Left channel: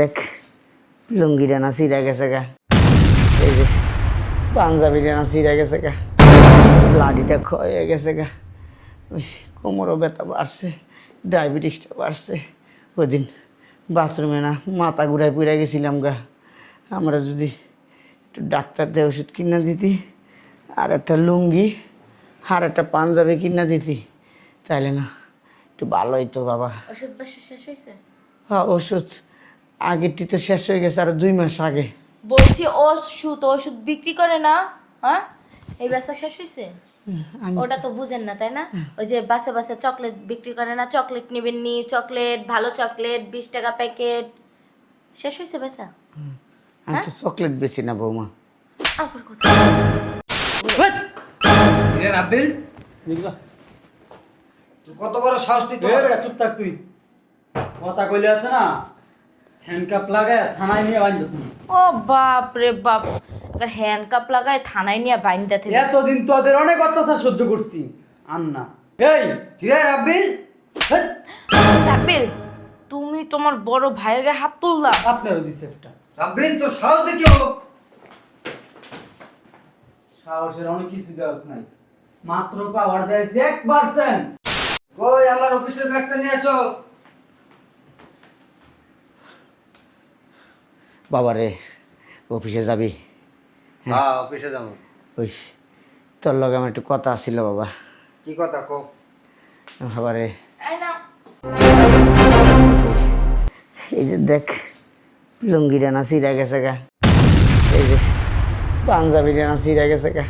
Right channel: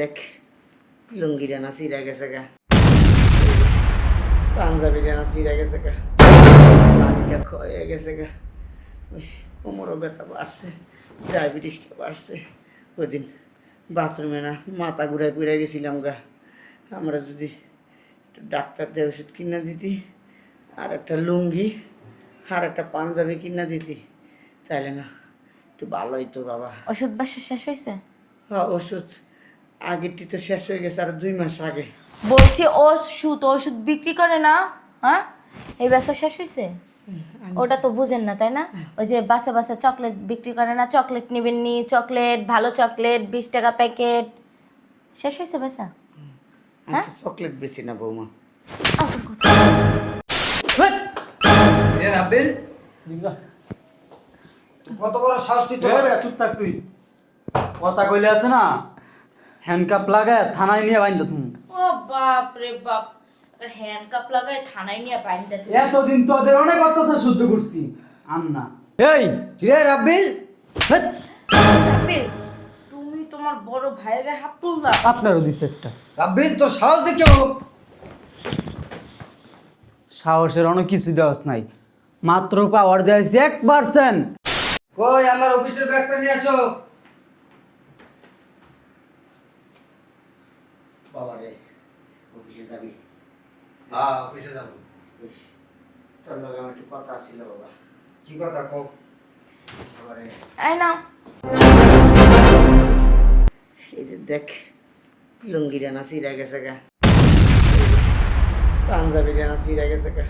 দেখ লুঙ্গিটা না ছিঁড়া গেছে গা, এই যে পাঞ্জাবিটা না ছিঁড়া গেছে গা, লাঠিটা ক্ষয়ে গেছে গা, ওই কোমরও ব্যথা বাড়ছে, ডায়াবেটিসটা বাড়ছে। ওই দিন বাথরুমে না মাথা ঘুরায় পুড়ে গেছিলাম গা। আমরা যদি একটু ডাক্তার দিয়ে ওষুধ কিনা দিতি, আর একটা লুঙ্গি আর একটা পাঞ্জাবি কিনা দিতি, তাইলে না একটু ভালো হইতো বাবা। ওষুধ বাসা শেষ হয়েছে? হ্যাঁ, ওষুধ আগেরটি তো শেষ হয়ে গেছে, আর 2 মাস আগে। বলছি ওষুধ বিক্রি করে না? হ্যাঁ, এই বাসা শেষ হয়েছে? ওটা তো বুঝেন না তাই না? ওই যে বাসে বাসে চকলেট বিক্রি করে না, চকলেট নিবেন নি, চকলেট ভালো চকলেট 20 টাকা প্যাকেট, শেষ হয়েছে বাসা? আমি তো চকলেট বেশি না বৌমা। রাব্বিল কত বড় সাহস তুই তোর? চুপ থাক তুই। কথা কইলে আছে না, হ্যান্ডকাপ লাগায় থানায় নিয়ে বাইন্ধ তুমি। ও বাপ রে বাপ, হ্যান্ডকাপ লাগায় থানায় নিয়ে বাইন্দা থেকে। এতদিন তোদের অনেক অত্যাচার সহ্য করছি। আন্না এই কি রে রাব্বিল? রাব্বিল, তুমি তোমার বড় ভাইয়ের গায়ে হাত তুললা? আপনারও দিছে একটা। রাব্বিল তোর সাহস দেখে সাহসের অনেক কিছু দেওয়াস নাই, মাত্র পাওয়ার দেওয়া হয়েছে 1%। কই আমার অফিসের ব্যাগটা নিয়ে আসো। বাবা রে, অফিসে যাবি? হ্যাঁ অফিসে যাবো। ওই তোর লগে আমার একটু কথা ছিল বাবা। কি কথা কও? বাবা রে, এই না, এই যে দেখ লুঙ্গিটা না ছিঁড়া গেছে গা, এই যে পাঞ্জাবিটা না ছিঁড়া গেছে গা,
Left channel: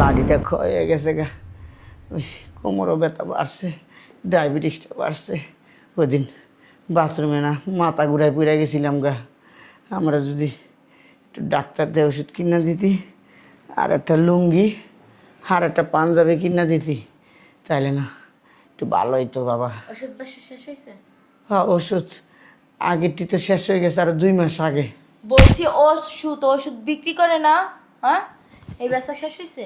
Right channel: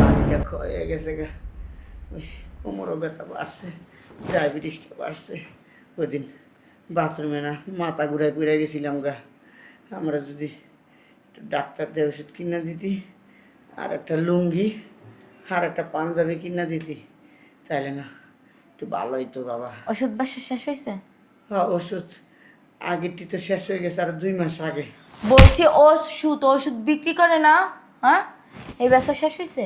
লাঠিটা ক্ষয়ে গেছে গা, ওই কোমরও ব্যথা বাড়ছে, ডায়াবেটিসটা বাড়ছে। ওই দিন বাথরুমে না মাথা ঘুরায় পুড়ে গেছিলাম গা। আমরা যদি একটু ডাক্তার দিয়ে ওষুধ কিনা দিতি, আর একটা লুঙ্গি আর একটা পাঞ্জাবি কিনা দিতি, তাইলে না একটু ভালো হইতো বাবা। ওষুধ বাসা শেষ হয়েছে? হ্যাঁ, ওষুধ আগেরটি তো শেষ হয়ে গেছে, আর 2 মাস আগে। বলছি ওষুধ বিক্রি করে না? হ্যাঁ, এই বাসা শেষ হয়েছে?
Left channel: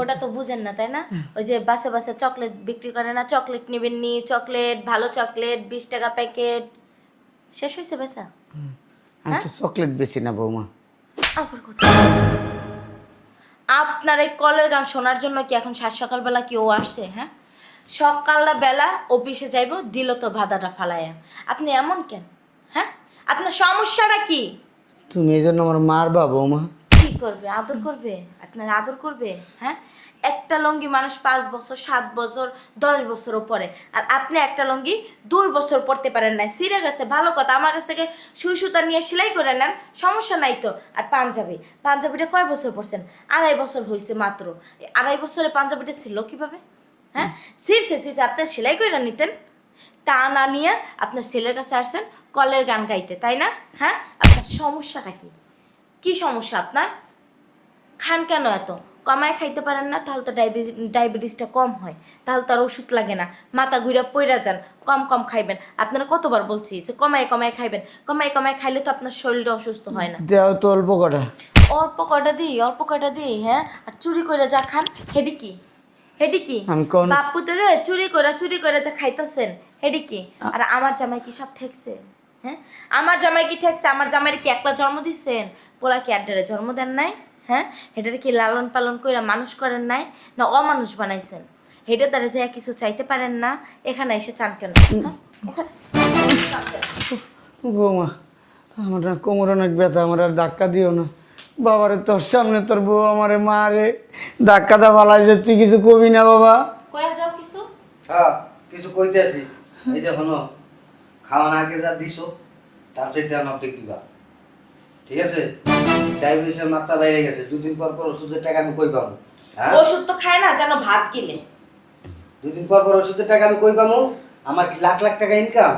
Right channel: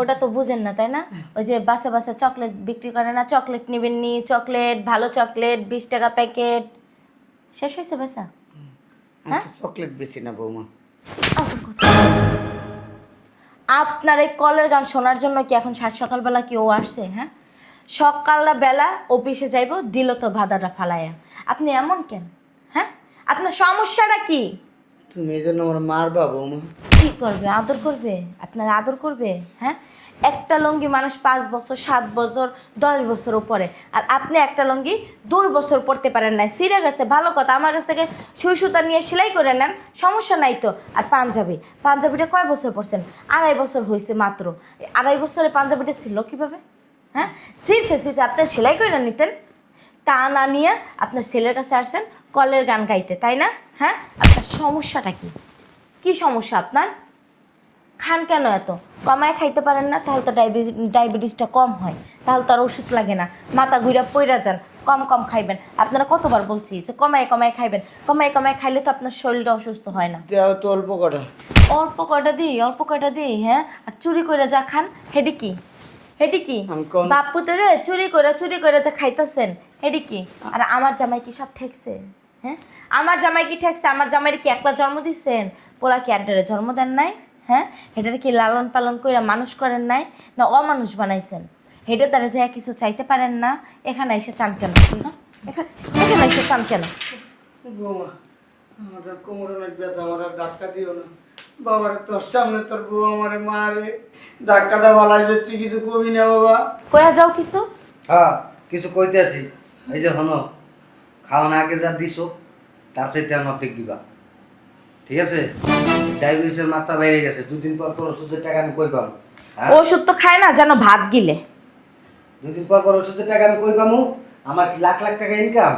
ওটা তো বুঝেন না তাই না? ওই যে বাসে বাসে চকলেট বিক্রি করে না, চকলেট নিবেন নি, চকলেট ভালো চকলেট 20 টাকা প্যাকেট, শেষ হয়েছে বাসা? আমি তো চকলেট বেশি না বৌমা। আপনার এই কলের গান শোনার জন্য কি এখন সাত সকালবেলা কেউ আসছে? হ্যাঁ, সকাল বেলা অফিসে যাইব, দিল তো বাধাটা ফালাইয়া। আপনি এমন কেন? হ্যাঁ, আপনার সমস্যাটা কি? তুমি এই জন্য আমার মারবা বৌমা? কি করবে? আদর করবে? আপনার আদর করবে? হ্যাঁ, একটা লুঙ্গি মানুষ 5 বছর 7 বছর 10 বছর পরে, আর আপনি একটা লুঙ্গি 2 বছর পরতে পারেন না, ছিঁড়ে গেছে, ভালো কথা, আমার কাছ থেকে সুই সুতা নিয়ে সেলাই করে নেন, সমস্যা নাই তো। আর পাঞ্জাবিটা কয় বছর পরছেন? 2.5 বছর হয়েছে মাত্র। 2.5 বছরের পাঞ্জাবিটা ছিল কিভাবে? হ্যাঁ, ছিঁড়ছে আপনি সেলাই করে নিতেন, তা না নিয়ে আপনার ছেলের কাছে আসছেন কলের গান গাইতে, তাই না? হ্যাঁ, আপনার সমস্যাটা কি? কি সমস্যা আপনার? খান কেন এত? কমায় খাইতে পারেন না? তাহলে তো ডায়াবেটিসটা কম হয়, তাহলে তার ওষুধ লাগে না, মাথা ঘুরে পইরা যান। কম কম খাইবেন। আপনারা কতবার বলছি যে কমায় কমায় খাইবেন, কমায় কমায় খাইলে তো আপনার শরীরটা অসুস্থ হয় না। দেও তো অল্প কটা। অল্প কয়টা দিই, হ্যাঁ? আর চুরি করে যা খান, হেডি কি আমি কোন বাপুতে রে চুরি করে যা খাইতেছেন, হেডি কি? আর আমার জামাই কি সব ঠেকছে? হ্যাঁ, আমার জামাই কি ঠেকছে? আমার জামাইয়ের কি একলা জন্ম দিচ্ছেন? পোলা কি আড্ডারে জন্ম দেন নাই? হ্যাঁ, হেটারে কি লালন পালন করে মানুষ করেন নাই, না অমানুষ বানাইছেন? হেটা তারা যে কিছু চাইতে পারেন না, এখানে এসে চান কেন? এখানে এসে চান কেন? বৌমা, আমার না কোমর অনেক ব্যথা, আমার আর ধাক্কা দিও না। বাবারে, তোর সামনে তোর বউ আমারে মারে, ধাক্কা দা বালাই যে তুই কিছু কবি না বাবা? কয়া যাও কিছু। হ্যাঁ কিছু কইতে আছি। এই যে হনো খাওয়া না আগে যা দিছো তার চাইতে অনেক দিবা, ঠিক আছে? ডায়াবেটিসের মাত্রা বাইরে গেছে, 2 দিন পর পর ওষুধের টাকা আমি কই পাবো? হ্যাঁ, ওষুধ তো খায় না, যেন ভাত গিলে। 2 দিন পর পর ওষুধের টাকা আমি কই পাবো? আমার কি লাখ লাখ টাকা ইনকাম?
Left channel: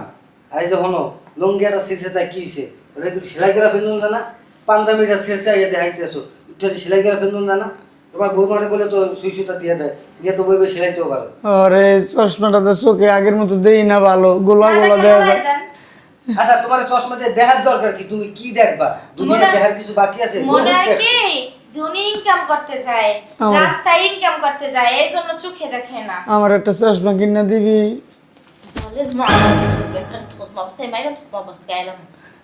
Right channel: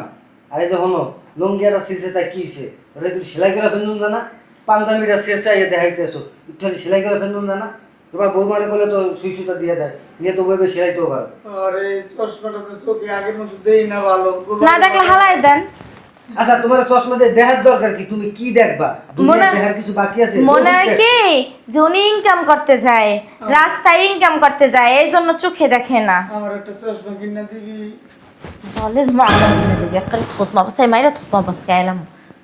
আর এই যে হনো লুঙ্গি একটা ছিঁড়ছে, তাই কি হয়েছে? ওটা একটু সেলাই করে ফেলুন জানা, পাঞ্জাবিটা ছিঁড়ছে দেখাইতেছো, একটু সেলাই করে ফেলুন জানা। তোমার বৌমাটা করলে তো সুই সুতা দিয়ে দেয়, নিয়ে তো বইবে সেলাইতেও পারো। আরে চশমাটা তো চোখে আগের মতো দেই না, ভালো গোলা না দেখলে হালাই দেন। আচ্ছা তোমার চশমা দিয়ে দেখার দরকার কি? তুমি কি দেখবা? দুনিয়া দেখার কিছু বাকি আছে? মনে হয় কি যে উনি ইনকাম করতে যায়, রাস্তায় ইনকাম করতে যায়, এই জন্য চোখে দেখে না। আমার একটা চশমা কিনা দিবি? বলের মা একটা থুতমা বসে মাইরা থুতমা বসে এলাম।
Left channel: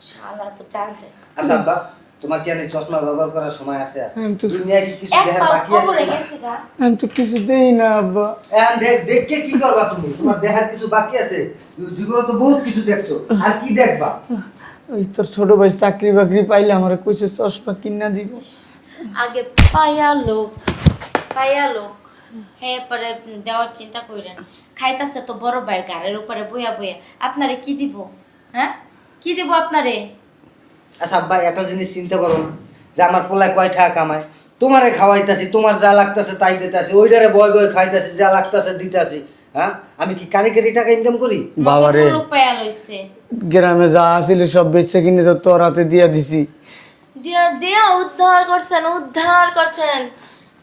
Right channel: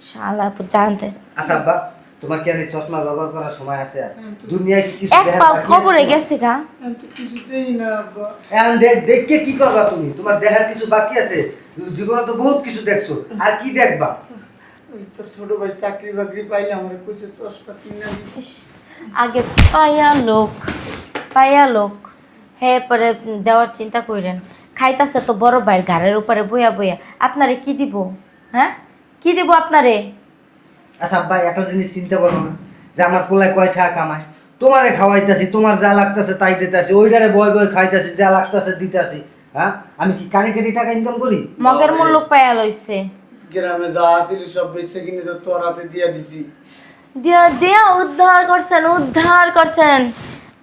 শালার পর জানতে আচ্ছা আব্বা, তোমার কি আর এই চশমা ব্যবহার করার সময় আছে আর? আমি তো দুনিয়ায় কি কিছু এক দেখার বাকি খবরে আছে? গেছে গা। আমি তো কিছু দেই না আব্বা। এখন দেখে কি করবা তুমি? তোমার দেখার কিছু বাকি আছে? জীবনে তো বহুত কিছু দেখছো, আর কি দেখবা? ওই তোর ছোট ভাই চাকরি বাকরি পাইলে আমার কইছে চশমা কিনা দিব। আগে পায়া লোক হে পরে দেওয়ার চিন্তা কইরেন। খাইতাছে তো বড় ভাইয়ের ঘাড়ের উপরে বইয়া বইয়া, আপনারে কি দিব? হ্যাঁ, কি দিব আপনারে? আচ্ছা আব্বা, একটা জিনিস চিন্তা করো না যে আমার পোলায় কয় টাকা কামায়? তোমারে খাওয়াইতাছি, তোমার যা লাগতাছে তাই দিতাছি, ওইটারে বয় বয় খাইতাছি, যা লাগতাছে দিতাছি। হ্যাঁ, আমি কি কারিগরি টাকা ইনকাম করি? মগের মুলুক পায়া লইছে। গ্রামে যা আছিল সব বেচে কিনে তো তোর হাতে দিয়া দিছি। দিয়া দিয়া উদ্ধার করছেন।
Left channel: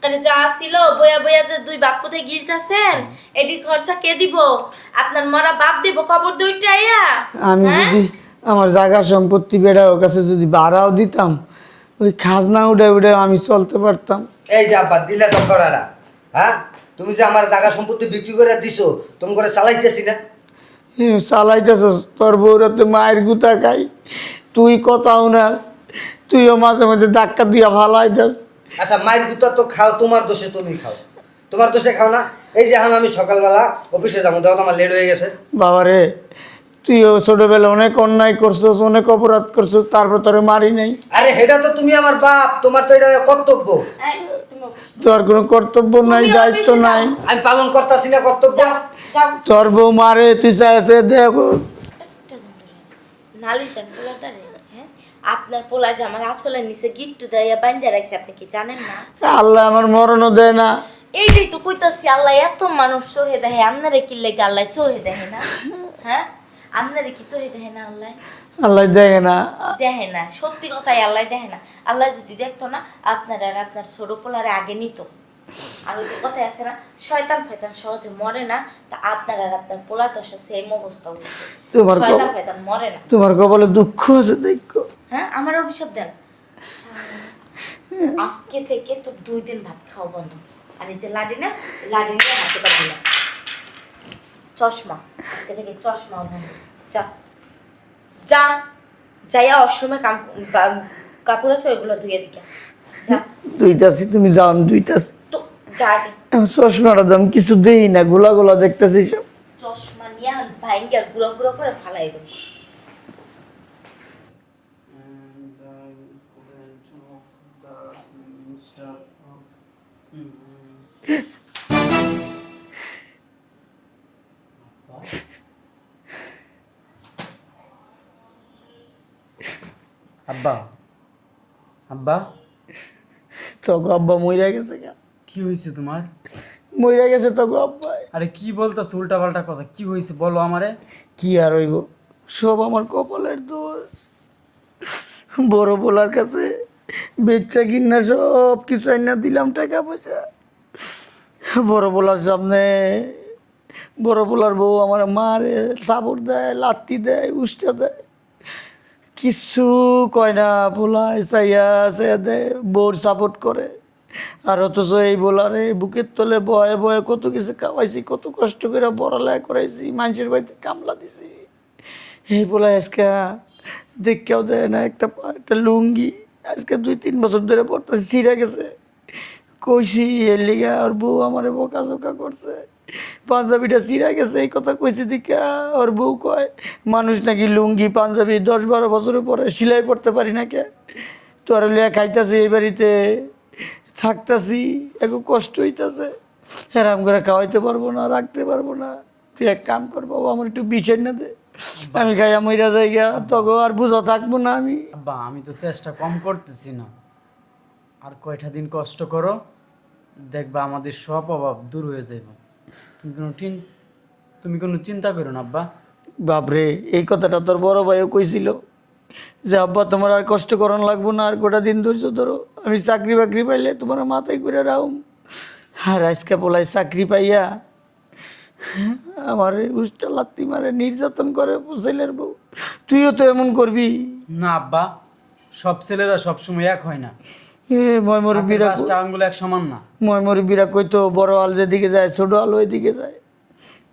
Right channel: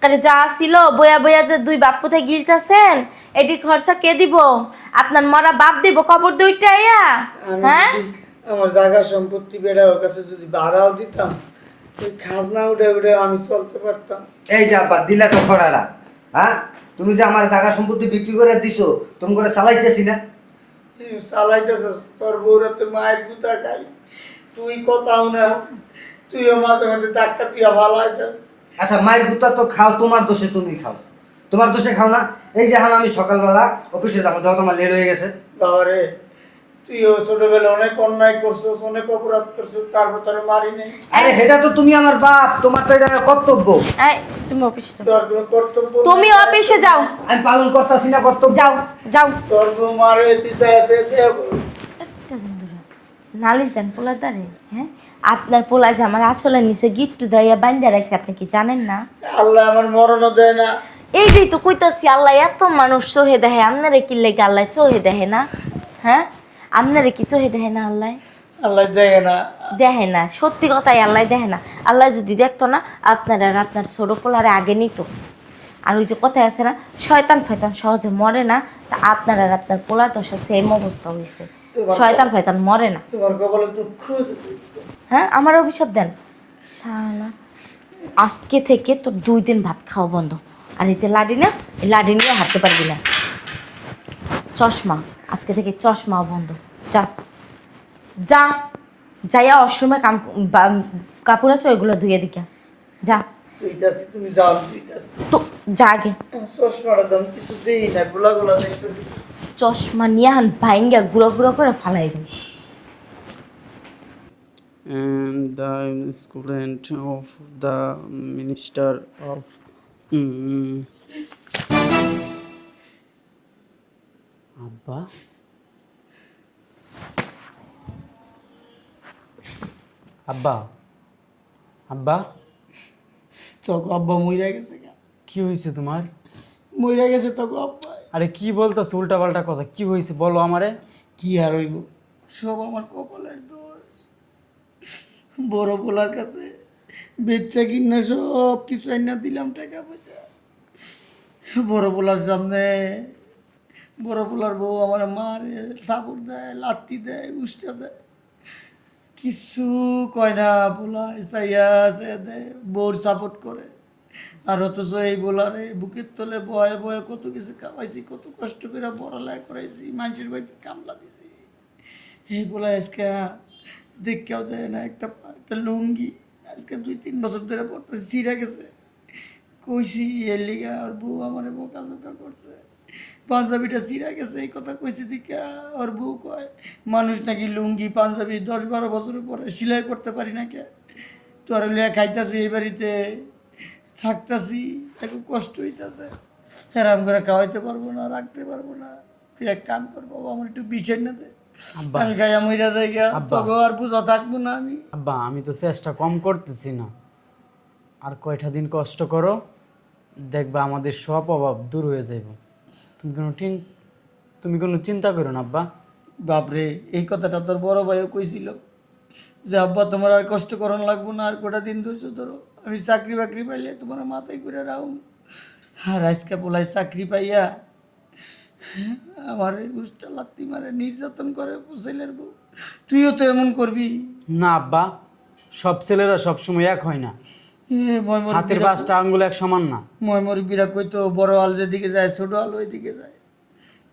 কারে যা ছিল বইয়া বইয়া যে দুই বাপ পুতে গিলতাছেন, এটি খরচা কে দিব? আপনার মরা বাপ দিব কবর দুইটা আইয়া? আমি হ্যাঁ? যদি আমার জায়গা সম্পত্তি বেড়া ওর কাছে যদি ভাড়াও দিতাম, ওই খাজনা উঠে উঠে আমি চলতে পারতাম। এই যে আব্বা, দিলা তো খরারা। হ্যাঁ, তুমি যে আমার জায়গা সম্পত্তি বিক্রি করে দিছো, তুমি করে চালাইতেছি না? চালাইতেছ তোর বউরাতে মায়ের গুতা খাই, তুই কথাও না, তুইও মাঝে মাঝে ধাক্কা দিয়া ভালাইতেস। আচ্ছা, মায়ের গুতা তো খাও, তোমার দোষে তুমি খাও, তোমার দোষে খাও না? এই যে এখন আমি সকালবেলা অফিসে যাবো, দেখো আমার লেট হয়ে গেছে। বাবারে, তুইও ছোটবেলা অনেক অন্যায় করছস, অনেক অপরাধ করছস, তারপর তোরে মারি নাই। আরে সেটা তো তুমি আমার বাপ, তোমার তো এটা কর্তব্য। এই তুমি অফিসে যাও। তোর কোনো কর্তব্য নাই, তুমি দায়িত্ব অফিসে যাও। নাই। আমি পালন করতেছি না কর্তব্য। যাও তোর বউ মারে, তুই চাইছে দেব। একটা দিন ধরে নালিশ দেন পোলার দ্বারে। হ্যাঁ, আপনার পোলা যে আমার আঁচলের নিচে গিট্টু দেয়া বান্ধা রাখছে, আপনি কি জানেন না? আল্লাহ আমার মরণও দেয় না। এইটাই তো কইতাছি, আল্লাহ এত মানুষ চোহে দেখে, আপনারে কি লেগে আল্লাহ চোহে দেখে না? হ্যাঁ, আপনারে কি চোহে দেখে না আল্লাহ? আল্লাহ দেখে না। দেখে না, সত্যি কথাই আল্লাহ দেখে না। আল্লাহ যদি দেখতো না, আপনার আর আপনার ছোট পোলারে আগে নিত। আর ওই যে কথায় আছে না, শয়তান ফয়তান সহজে মরে না, তা আপনার আর আপনার পোলার তো সেম অবস্থা হয়েছে। তোমার শয়তান ফয়তান মরে না। তোমার কপালে দুঃখ আছে দেখো। হ্যাঁ, আমার অভিশাপ দেন। শালা, আজকে থেকে তোর 2 দিন ভাত খাওয়া বন্ধ। আর এই যে লাডি না, এই লাডি নিয়ে হাঁটতে পারবি না। চশমা, আজকে থেকে চশমাও বন্ধ। যা যা, যাইয়া অসময় কাপড় আছে ওইগুলো ধুয়ে দিকে যা। দুইটাছি, তুমি যাও, আমি দুইটাছি। তো যা আগে। চশমাটা দাম কিছু দেই না, গোলা গোলা দেখতেছি সব। চশমা নিয়ে হান ভাইঙ্গা গুঁড়ো গুঁড়ো করে ফালাই দেয়। And the student of the Minister of আব্বা, আব্বা, আব্বা, তোকে আব্বা মইরা গেছে গা। কি হয়েছে তোমার? মইরা গেছে তোকে আব্বা। আরে কি বলতেছ উল্টা পাল্টা কথা? কি হয়েছে বলো আমারে। কি আর হইব, সব আমার কপালের দোষ। বড় বলার কাছে বেচা কিনা সব কিছু আইনা দিলাম, টাকা পয়সা। বড় বলার সামনে বড় বলার বউ আমার মারে, থাপড় দেয়, লাত্তি দেয়, উষ্টা দেয়, কিছু কয় না। বলা চাইয়া আছে দেয়, বউর সাপোর্ট করে। আর অথচ এই বলারে বুকের তলে বয়ে বয়ে কত কিছু খাওয়াইছি, কত কষ্ট করে পড়ালেখা করাইছি, মানুষের বাড়িতে কামলা দিছি। এই বলা আজকে দেখেও দেয় না একটা একটা লুঙ্গি, আজকে 2-3 বছর ধরে পড়তেছি, ছিঁড়ে গেছে। কইছি এর লিগা ওর বউ আমারে বকাঝকা করছে, পাঞ্জাবিটা ছিঁড়ে গেছে এই কথা কইছি দিকা ওর বউ কয় মানুষ নাকি লুঙ্গি পাঞ্জাবি 10-12 বছরের পরে সেলাই করতে পারি না কে। তোর লিয়া খাইতেছি, এই বাড়িতে থাকতেছি, একটু কষ্ট হইতেছে, হেরাম করে খাওয়াইতে পারবো না, রাখতে পারবো না। তুই এক কাম কর বাবা, আমার একটু বিষয় না দে, আমি খাইয়া মইরা যাই গা, তোকে আর বুঝা থাকবো না আমি। আব্বা, আমি তো চেষ্টা কম করতেছি না, আর কয়টা দিন কষ্ট করো, দেখবা আমাদের সব অভাব দূর হয়ে যাবে। তুমি কোনো চিন্তা করো না আব্বা। বাপরে, এই কথাটা তোর বড় ভাইও কইছিল যে আব্বা তোমার আর কষ্ট করানো লাগবো না, আর গোটা দিন ধৈর্য ধরো, আমি চাকরি বাকরি পাইলে তোমার মাথায় করে রাখুম। আর আজকে বলাই চাকরি পাইয়া আমার উষ্টা লাত্তি মারে, নির্যাতন করে ছেলের বউ। তুইও তো এমন করবি? না আব্বা, সব ছেলেরা সবসময় এক হয় না, হাতের ময়মরবিরা 5টা আঙ্গুল এক সমান না। ময়মরবিরা কইতো বড় আল যেদিকে যায় ছোট আলো ওইদিকে যায়।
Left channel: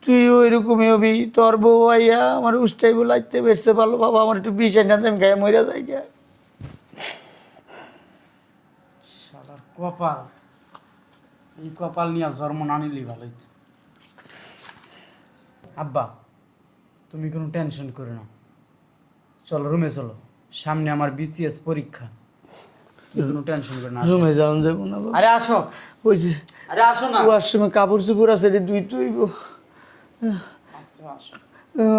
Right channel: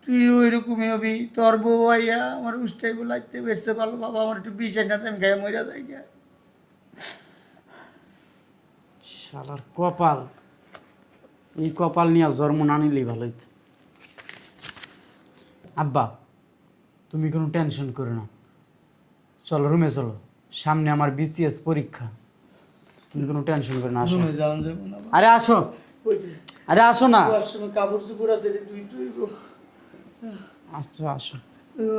তুই ওইরকমই হবি, তোর বউ আইয়া আমার উষ্টাই লাগতে বেসছে ভালো বাবা, আমার একটু বিষ এনে দেন, গায়ে মইরা যায় গা। শালার কপাল, এই কপাল নিয়ে জন্ম না নিলেই ভালো হইতো। আব্বা তুমি কোনো টেনশন করো না, চলো রুমে চলো, সামনে আমার বিসিএস পরীক্ষা, তুমি কোনো টেনশন করো না, আসো। রুমে যাওয়া যাবো না বাবা। আরে আসো, ওই যে আরে আসো না। কুয়ার সময় কাপড় চুপড় আছে রে, তুই তুইব। আচ্ছা আসো।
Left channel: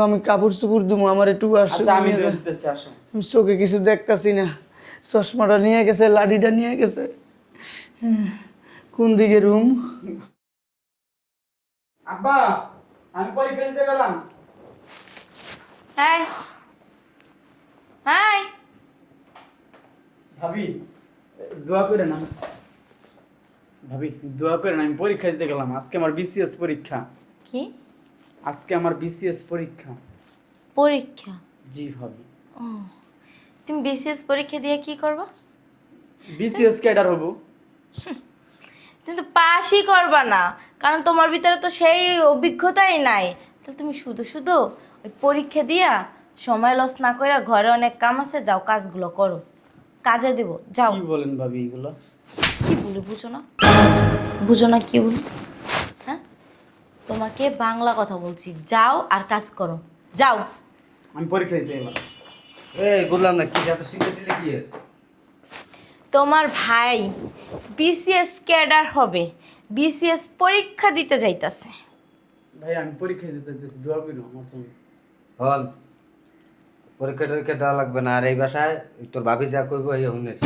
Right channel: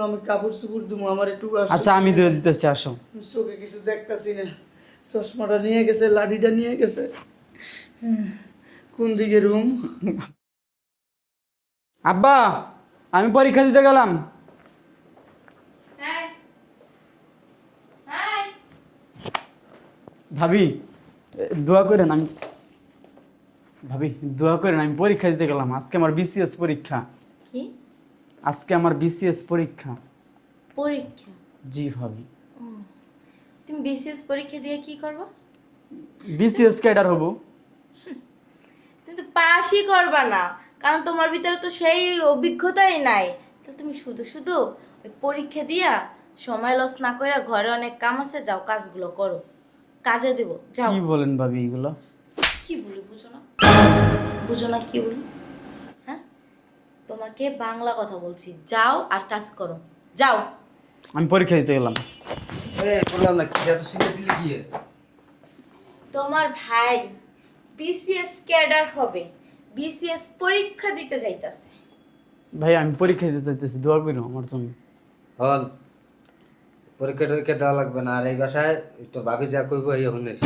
আমি কাপড় চুপড় দিব, আমার একটু আচ্ছা আমি ধরে দিতেছি, আসো। চোখে কিছু দেখতাছি না, চশমাটা নিয়ে গেছে, লাঠিটা নিয়ে গেছে। কোন দিকে রুম? আব্বা আমি পরীক্ষা দিতে গেলাম। হ্যাঁ হ্যাঁ ভাবি দোয়া করেন, আমি ভাবি দোয়া করেন, আমি পরীক্ষা দিতে গেলাম। আজকে আমার বিসিএস পরীক্ষা। কি আজকে আমার বিসিএস পরীক্ষা। পরীক্ষা? জি ভাবি। ও, তুমি বিসিএস পরীক্ষা দিয়ে কি করবা? বিসিএস ক্যাডার হবো। তুমি তো পাসই করবা না, কারণ তোমার ভিতরে তো সেই অভিজ্ঞতাই নাই। তো তুমি শুধু শুধু ওই পরীক্ষা দিয়া সময় লস না করে, ঘরে অনেক কাম আছে, যাও কাজগুলো করো, কাজে দেবো, যাও। কি বলেন ভাবি এগুলো? কি বলি বুঝো না? বুঝো না কি বলি? হ্যাঁ, তোমাকে বাংলা কথা বলছি, যাও আর কাজ করো, যাও। আমি পরীক্ষা দিতে গেলাম। এই বললাম না কি এত শিখেছিলি কি? তোমার ভাই বিসিএস ক্যাডার হবে, বিসিএস পরীক্ষা দিতে যাইতাছে। ভাই আমি পরীক্ষা দিতে চাইতেছি, দোয়া করো আমার জন্য। হল পরীক্ষা টরীক্ষা দেওয়া লাগবে না, আর এই বাসায় তোর ভাবি যা কইব এই হনের।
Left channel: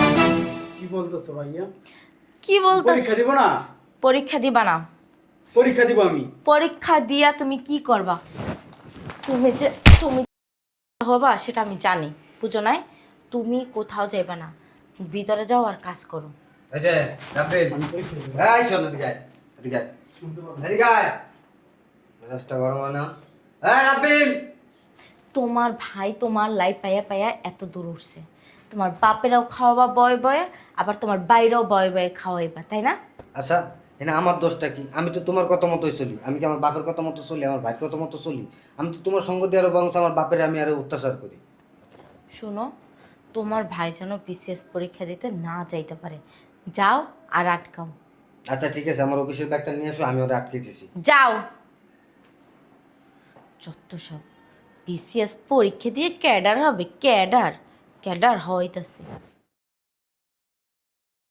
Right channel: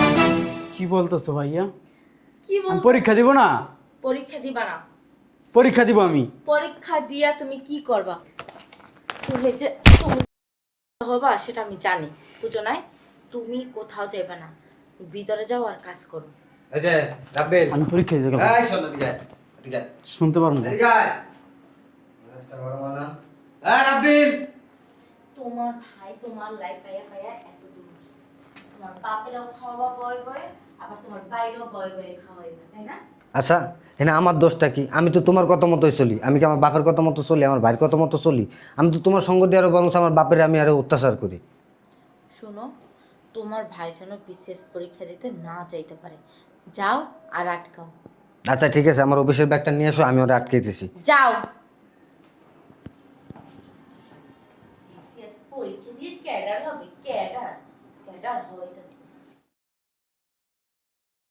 কি বলতেছো ভাইয়া? কি আমি বলতো? পরীক্ষা দিব না? পরীক্ষা দিবা না? পরীক্ষা দিব আমি। পরীক্ষা দিয়া তুমি কি করবা? তুমি যে তুমি হবা সেটা আমি জানি, বুঝো নাই? তুমি কোথাও যাইবা না, ভিতরে যাও আর কাজ করো। এই যে রাব্বিল, আমি পরীক্ষা দিতে গেলাম। এই শোন এদিকে আয়, এদিকে আয়, শুনতে পারবো না। এদিকে আয়। মেজাজটা গরম হয় না? এই রাব্বিল, তোমার ভাই তোমার লাইফ পাইয়া পাইয়া এত দূর উঠছে, তোমার বাপেরাও খাওয়াবা বয়ে বয়ে, আবার তোমার বাইরেও বয়ে বয়ে খাওয়াইবা, তাই না? আচ্ছা এনে আমার দোষটা কি? আমি তো তোমার কথা মতোই চলি, আমি কি আমার বাপের কথা মতো চলি, আমার ভাইয়ের কথা মতো চলি? আমি তো তোমার সঙ্গ দিয়ে আরো বরং আমার বাপের আমি আরো অত্যাচার করি। শুনো, তোমার ভাই যেন বিসিএস পরীক্ষা দিতে না যাইতে পারে, যাও আর আটকাও। আচ্ছা ঠিক আছে, আমার অফিসের ব্যাগটা নিয়ে এসো, আমি ওরা আটকে দিতেছি। যাও। যত সব বিসিএস পরীক্ষা দিয়ে ক্যাডার হবে, ক্যাডার ক্যাডার হইতাছে।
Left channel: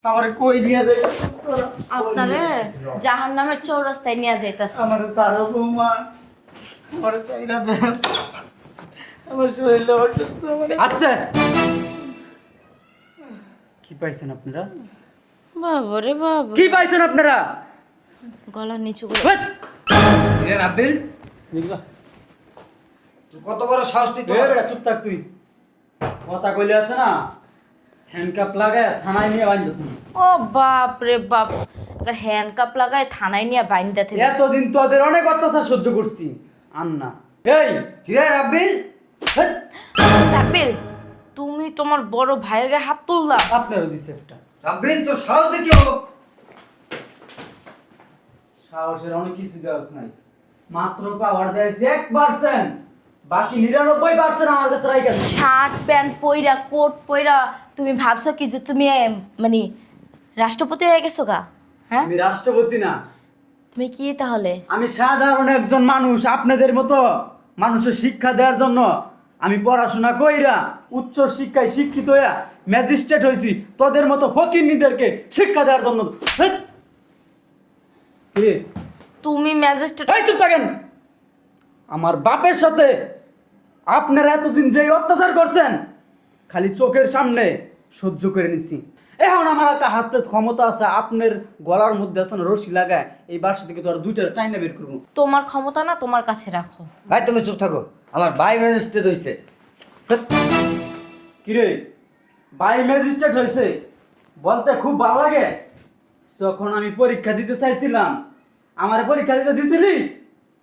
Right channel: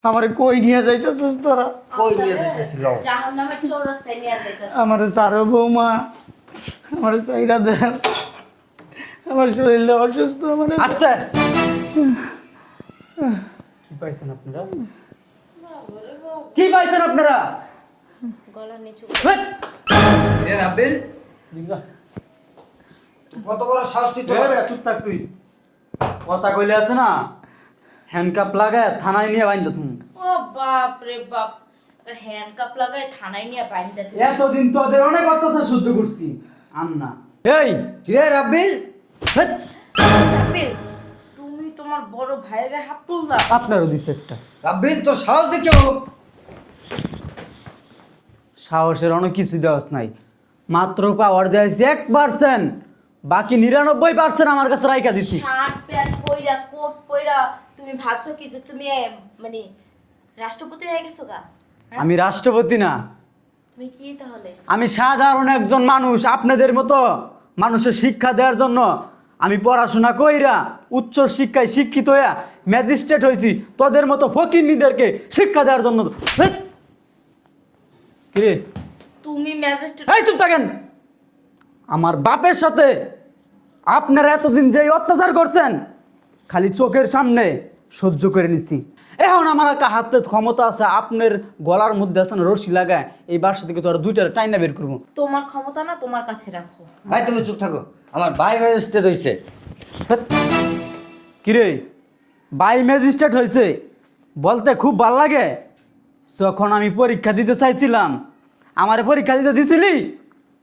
আমার কই নিয়ে যাইতেছিস তোরা? ওই নিয়ে আপনারে যাইতাছিল। জাহান্নামের চৌরাস্তায় নিয়ে যাইতাছে। আমার তারা বৌমা, আমার চাইরা দেখ, আমার শরীরটা অসুস্থ। আস্তে। কি পাইছেন আপনারা? বাবারে বাবা, কি পাইছেন আপনারা? গলা নিচু করে। হেৎ! এ রাব্বিল, দেখবা? তুই কত বড় সাহস তুই তোর? চুপ থাক তুই। কথা কইলে আছে না, হ্যান্ডকাপ লাগায় থানায় নিয়ে বাইন্ধ তুমি। ও বাপ রে বাপ, হ্যান্ডকাপ লাগায় থানায় নিয়ে বাইন্দা থেকে। এতদিন তোদের অনেক অত্যাচার সহ্য করছি, আন্না। এই কি রে রাব্বিল? হেৎ! রাব্বিল, তুমি তোমার বড় ভাইয়ের গায়ে হাত তুললা? আপনারও দিছে একটা। রাব্বিল তোর সাহস দেখে সাহসের অনেক কিছু দেওয়াস নাই, মাত্র পাওয়ার দেওয়াইছি 1%, বাকি 99% আমার কাছে রাইখা দিছি। শার্ট প্যান্ট পইরা কোট পইরা তুমি ভাবছো কি যে তুমি মানে রাষ্ট্রপতি হয়ে গেছো গা? হ্যাঁ, আমি রাষ্ট্রপতি না, তুমি কি তাহলে? আমি সাধারণ একজন মানুষ। আপনাদের মতো মানুষের শিক্ষা দেওয়ার জন্য আমি পড়াশোনা কইরা উচ্চ শিক্ষায় শিক্ষিত হইয়া ম্যাজিস্ট্রেট হয়েছি, তোদের মতো ফকিরনিদেরকে শিক্ষা দেওয়ার জন্য। হেৎ! কি রে? তুমি ম্যাজিস্ট্রেট? এই চুপ থাকেন। আমার বাপের সাথে আপনারা এতদিন যে অত্যাচার করছেন, খালি চোখের সামনে সহ্য করে নিছি। এখন আমার একটা হাতে ক্ষমতা আছে, আপনার গলার মধ্যে আছে না রশি লাগায়, এই বাসা থেকে তো আর দুইটা টাইনা বের করবো। তোমার ক্ষমতা না তোমার কাছে রাখো। ভাই তুমি চুপ থাকো, আমার ভাই ম্যাজিস্ট্রেট হইছে। কিরে বাই ম্যাজিস্ট্রেট হয়েছে বলতে খুব ভালো লাগে। যখন আমি পরীক্ষা দিতে চাইছিলাম, আমার পরীক্ষা দিতে দিছিলি,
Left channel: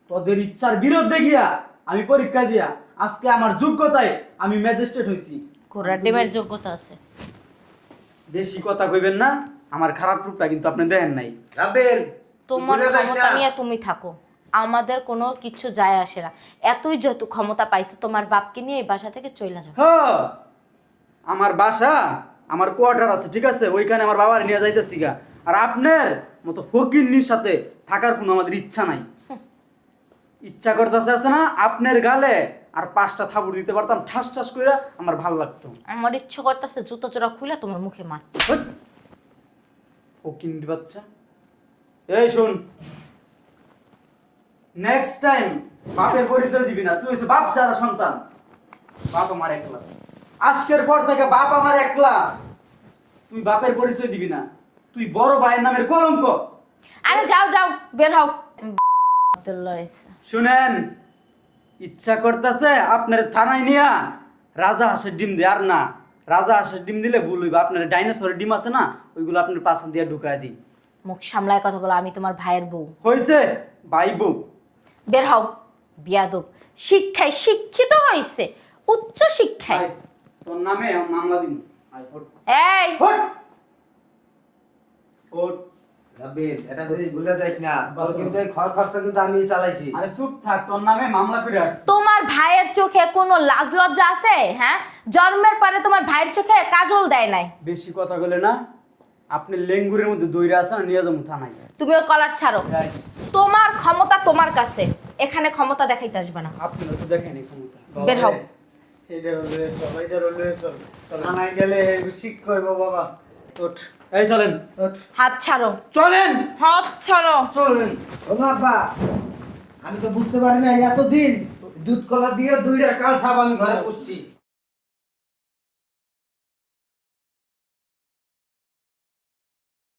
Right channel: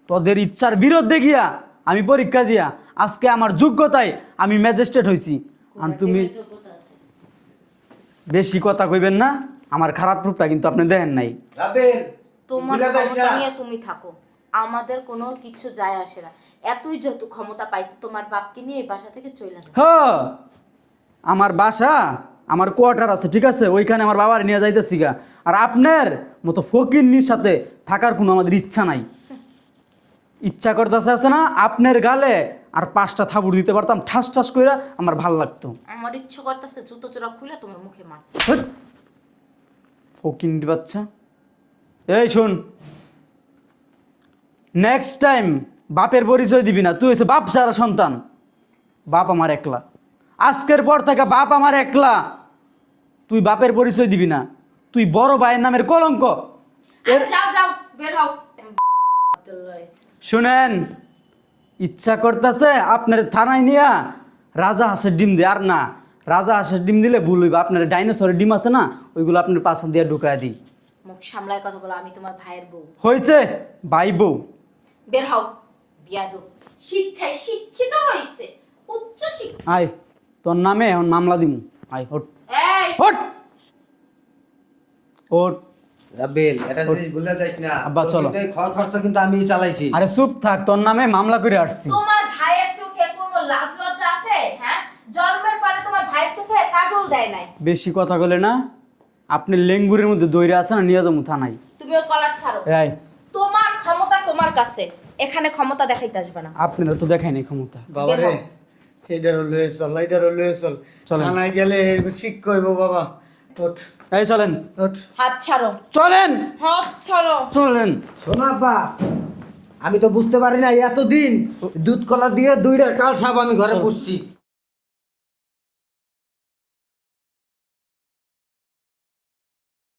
তোদের ইচ্ছার বিরুদ্ধে গিয়া আমি পরীক্ষা দিয়া আজকে আমার যোগ্যতায় আমি ম্যাজিস্ট্রেট হইছি। ঘোড়া টিমের যোগ্যতা আছে। বেশি কথা কইবেন না, আমার খারাপ রূপটা কিন্তু আপনি দেন নাই। রাব্বিল তোমার ভুলে যাস ক্ষমতা না। নিয়ে তুমি থাকো। আমাদের কোনো কিছু যায় আসে না। এতই যত ক্ষমতা পাইছো তোমার বাপকে নিয়ে এই বাসা থেকে চলে যাও। হ আমার বাসা আমার কোয়ার্টার আছে, ঠিক আছে, ওইখানে আমার বাবার নিয়ে যাইতেছি গা। আর আপনার মতো ফকিন্নির সাথে থাকার কোনো আমাদের ইচ্ছা নাই। ইচ্ছা করতেছে আছে না আপনার গালে আর 5টা থাপুড় দিতে পারতাম ঠাস ঠাস করে, আমার ভাল লাগতো। আমার ইচ্ছে করতেছে জুতো চোরা খুলে তোমার মুখে মার। ফকিন্নি বাচ্চা। এই শোন, নেক্সট টাইম বাপের পরিচয় দিবি না। তুই হচ্ছে বাপ সারা সন্তান, বাপ আমার একলা। আজকের পর থেকে বাপ আমার একলা, তুই বাপের পরিচয় দিবি না। তুই বড় ভাইয়ের নামের কলঙ্ক। আরে যাও যাও বের হও। শুনেন, ইচ্ছা করতেছে আপনার থানায় নিয়া রাজা হাঁসের ডিম দে। আর না, রাজা হাঁসের ডিম দিলে ভুল হইবে। আপনার ডাইনোসরের ডিম আছে না, ওইগুলো আপনার পাশে দিয়ে ঢুকায় দিই। মুখ সামলায় কথা বলো, আমি তোমার ভাইয়ের বউ। হয়েছে ভাই বউ। বের হও বিয়াদব। শিক্ষায় শিক্ষিত হইছে, উচ্চ শিক্ষায়। আয় তোর নামে এখন মামলা দিমু। আয় হট এই হট হট। রাবেল, এটা জিনিস ভুলে যাইস না। আব্বা, তোর চলো। কিন্তু এই খরচ কিন্তু আমিই চালাইছি। আরে চুপ থাক, তোর নামে মামলা করে আসছি। তোমার ভাইয়ের চোখে কোনো লাজ লজ্জা আছে? হ্যাঁ, জন্মের পরে তোমার ভাইয়ের চোখে কাজল দেয় নাই। বেশি কথা বলে না, আপনি লেঙ্গুরের মধ্যে দইরা আছে না, নিয়ে যাবো থানায়। তুমি ওর কলার ছাড়ো। এই তোমার ক্ষমতা তোমার কাছে, এখানে ক্ষমতা দেখাইতে আসবে না। আপনারও তো দেখাই নাই ক্ষমতা। বাবা বের হও। রে, এইটার লয়ে চল, এইটার লয়ে চল। চলেন। থানায় গেলে শিখ কইব বাবা। ওঠ এই চলেন ওঠ। হাত ছাড়ো, চলেন হাত ছাড়ো। চলেন। শোনো আব্বা, আমি তো বুঝতে পারি না এতদিন দুধ কলা দিয়ে 2টা কাল সাপ আমি ঘরে পুষছি।